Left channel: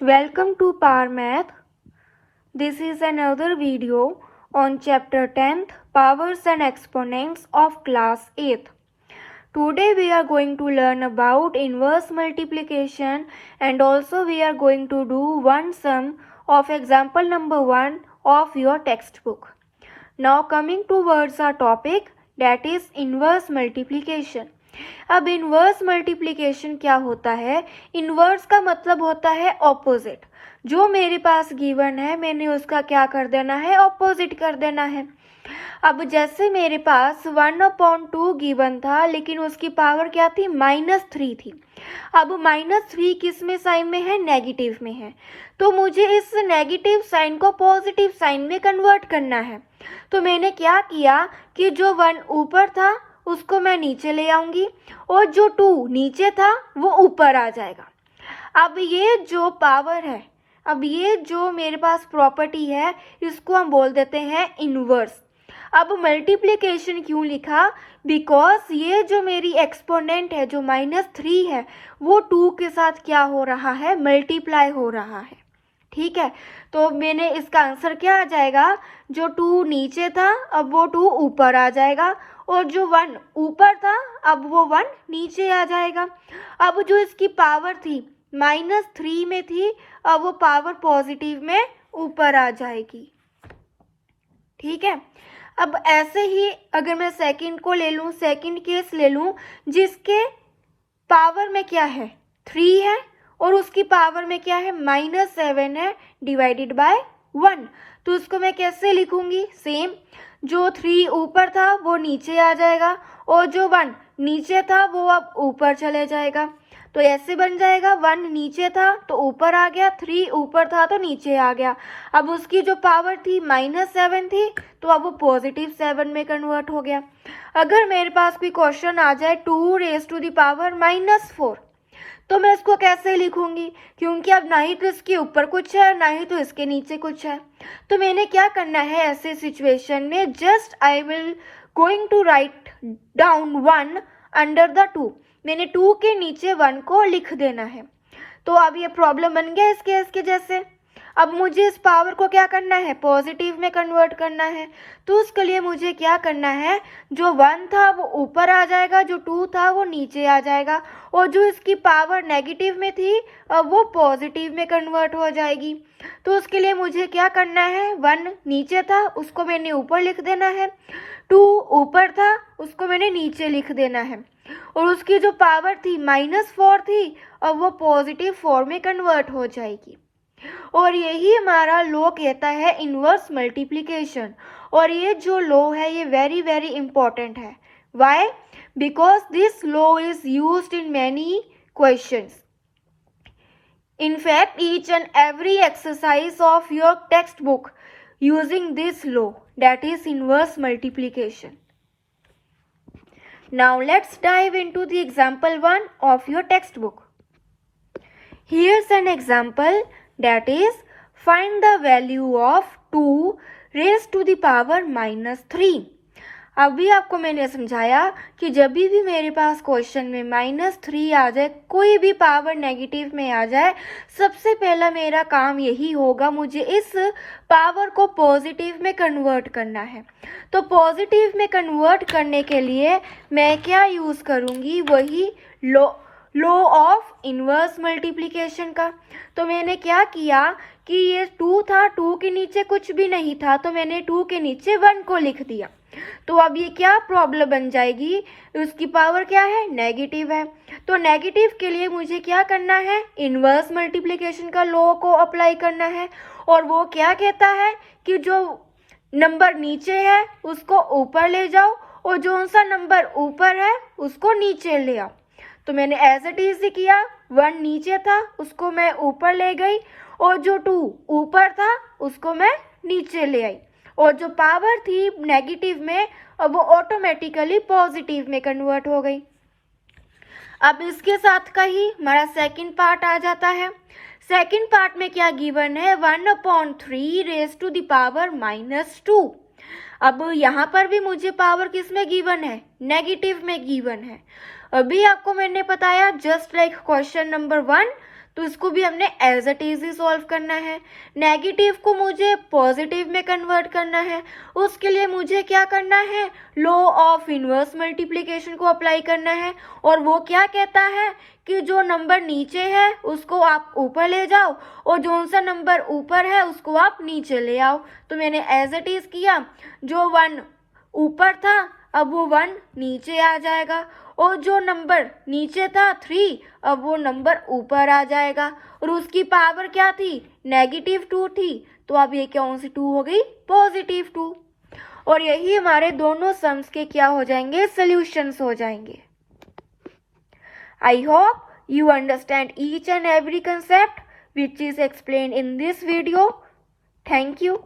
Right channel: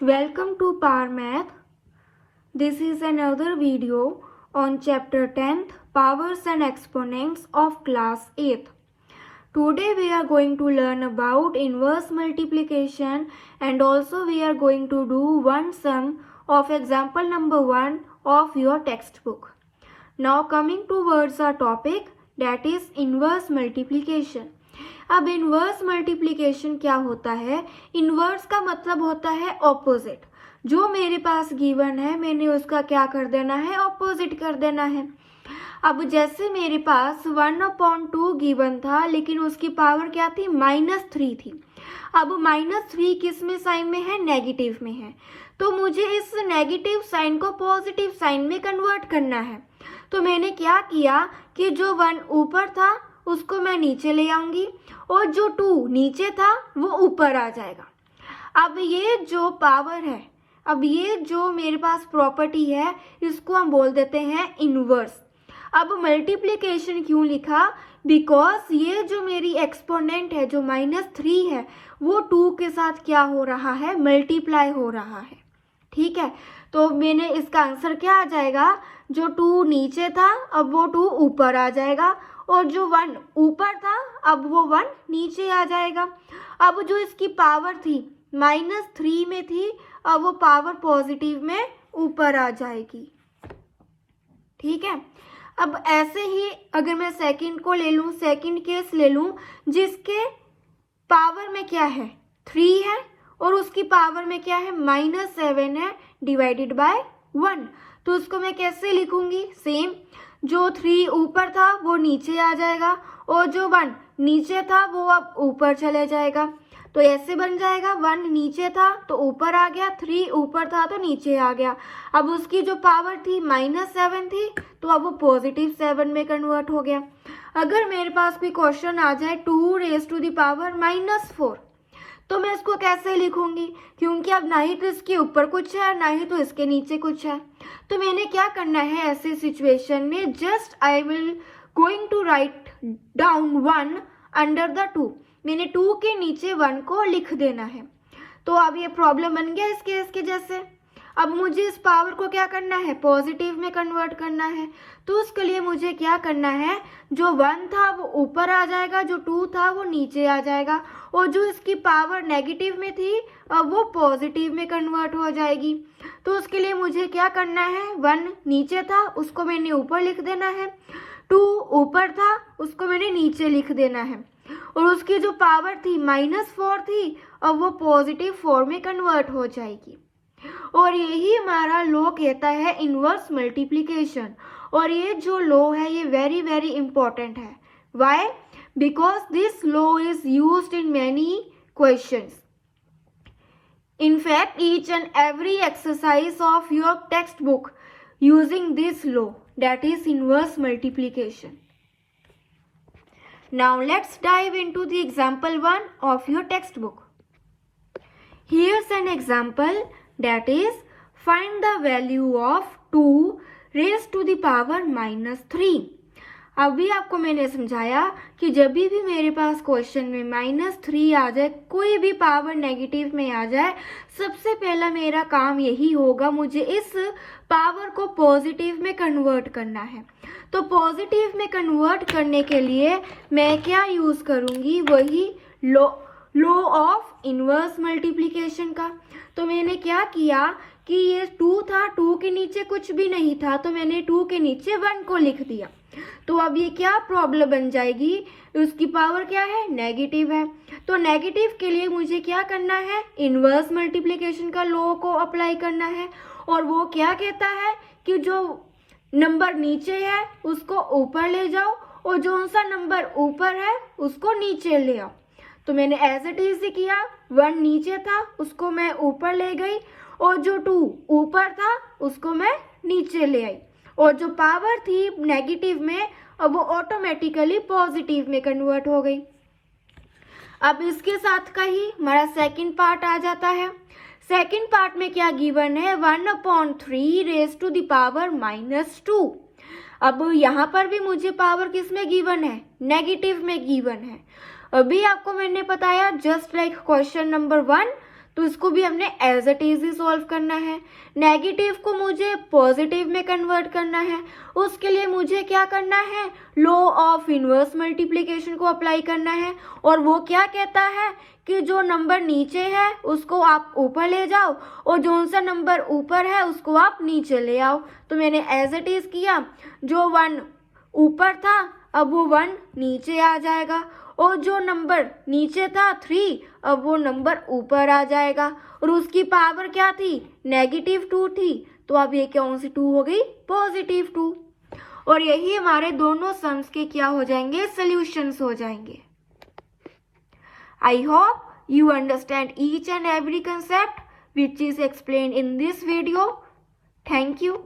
Welcome to Power Math. This is another video on chapter 10th Powers and Exponents of class 8th. Today we are going to learn about inverse multiplication and also we are going to do one sum of example number 1 of your textbook. Now coming towards our topic, that is inverse multiplication. अब inverse multiplication क्या होता है? Inverse का मतलब होता है opposite. जो मेरे पास गिवन है मैंने उसका क्या कर देना है? ऑपोजिट कर देना है. अब जैसे मेरे पास 1/2 गिवन था लेकिन उसकी पावर क्या थी? -3 थी. अब -3 किस में साइन में है? नेगेटिव में है. तो मुझे इस नेगेटिव साइन को पॉजिटिव साइन में कन्वर्ट करना है. तो मैंने क्या किया कि जो 1 ऊपर था उसको मैं नीचे ले आऊंगी और जो 2 नीचे था वो ऊपर आ जाएगा. अब ये जो पावर है, अब ये जो मेरे पास प्रॉपर्टी है, इसको हम बोल देते हैं इनवर्स. अब मल्टीप्लिकेशन क्यों लिखा? बिकॉज ये जो मेरी एक्सपोनेंट है जो -3 है वो 2 के साथ क्या हो रहा है? मल्टीप्लाई हो रहा है. ठीक है, तो मैंने इसका आंसर क्या आ जाएगा? जो 2 नीचे था अब वो 2 ऊपर आ जाएगा और जो 1 ऊपर था अब वो 1 नीचे आ जाएगा. अब जो इसकी पावर थी -3 में थी, अब वो पावर पॉजिटिव में ऊपर आ जाएगी. ठीक है, अब ऐसे ही अगर मैं सेकंड को ले लूँ, सेकंड केस ले लूँ जिसके पावर में क्या है? 3 है और उसकी पावर में क्या है? -7 है डिवाइडेड बाय 1. तो उसको मैं कैसे लिखूंगी? सेम, जो 3 ऊपर था वो नीचे आ जाएगा और जो 1 नीचे था वो अब ऊपर चले जाएगा. तो ऐसे बन जाएगा, 1 नीचे था तो ऊपर आ गया, 3 ऊपर था तो नीचे आ गया. अब उसकी जो पावर थी -7 थी तो अब वो +7 में कन्वर्ट हो गया. अगर मेरे पास कोई क्वेश्चन आ जाए 2⁻⁻⁴, तो मैं इसको कैसे लिखूंगी? क्योंकि अब ना ही तो इसके ऊपर कुछ है ना ही तो इसके नीचे कुछ है. तो मैंने क्या करना है ऐसे सिचुएशन में? Just I will going to write down 1 under the 2. मैंने 2 के नीचे 1 को लिख देना है. तो अब ये प्रॉब्लम बन गया इस केस के जैसे. अब मुझे इस पावर को क्या करना है? पॉजिटिव में कन्वर्ट करना है. तो उसके लिए मुझे क्या करना है? जो 1 था वो ऊपर आ जाएगा, जो 2 था वो नीचे आ जाएगा और जो इसकी पावर नेगेटिव में थी अब वो पॉजिटिव में कन्वर्ट हो जाएगी. तो उसके लिए मुझे क्या करना है? 1 नीचे था उसको मैंने ऊपर लिख देना है, 2 ऊपर था उसको मैंने नीचे लिख देना है और उसकी जो पावर थी -4 थी अब वो +4 में कन्वर्ट हो जाएगी. और यही हमारा लॉ कहता है इनवर्स मल्टीप्लिकेशन. और ये जो लॉ है ये वेरी वेरी इंपॉर्टेंट है. Why? Because this law is used in many questions. In fact, each and every exercise of your textbook using this law, that is inverse multiplication. Now let's dive into the example 1 of your textbook. Here's an example, that is find the value of 2 raised to the power -3. अभी आपको मैंने समझाया कि जब भी मेरे पास question में -3 आ जाए, कोई भी पावर नेगेटिव में आ जाए, सबसे पहला मेरा काम यही होगा, मुझे इस पावर को पॉजिटिव में कन्वर्ट करना है. तो पॉजिटिव में कन्वर्ट करने के लिए मैं क्या यूज़ करूँगी? वही लॉ ऑफ इनवर्स मल्टीप्लिकेशन का. तो मैंने क्या किया कि ये 2 था, 2 के नीचे कुछ भी नहीं था तो मैंने 2 के नीचे 1 को लिख दिया. तो अब ये क्या प्रॉब्लम बन जाएगी? उसकी पावर क्या है? नेगेटिव है. तो नेगेटिव के लिए मुझे क्या करना है? इनवर्स मल्टीप्लिकेशन का लॉ को अप्लाई करना है. और वो क्या कहता है कि जो नंबर नीचे है उसको ऊपर ले जाओ और जो सा नंबर ऊपर है उसको नीचे ले आओ. तो मैंने एज इट इज किया, 1 नीचे था उसको मैं ऊपर ले गई और जो 2 ऊपर था उसको मैं नीचे ले आई और जो पावर थी नेगेटिव में अब वो ऑटोमेटिकली पॉजिटिव में कन्वर्ट हो गई. अब इसके साथ का ही हमारा सेकंड पार्ट आ जाता है. सेकंड पार्ट में क्या गिवन है? 1/3 रेज टू द पावर -2. अब यहाँ पर भी मुझे पावर किस में गिवन है? नेगेटिव में गिवन है. अभी आपको मैंने बताया जस्ट लाइक क्वेश्चन नंबर 1, तो इसको भी हमने एज इट इज ही सॉल्व करना है। नेगेटिव को मुझे पॉजिटिव में कन्वर्ट करना है, उसके लिए मुझे क्या करना है, लॉ ऑफ इनवर्स मल्टीप्लिकेशन को अप्लाई करना है। और वो क्या कहता है कि जो नंबर नीचे है उसको आप ऊपर ले जाओ और जो सा नंबर ऊपर है उसको आप नीचे ले आओ। तो मैंने एज इट इज किया, जो 1 ऊपर था अब वो 1 नीचे आ जाएगा, और जो नंबर नीचे था 3 अब वो नंबर ऊपर आ जाएगा, और उसकी पावर क्या थी, -2 थी। तो अब ये कौन सी 2 हो गई, +2। और यही हमारे दोनों सम्स के क्या हो जाएंगे, सॉल्यूशंस हो जाएंगे। I hope you understand each and every concept which is explained in this video. Thank you.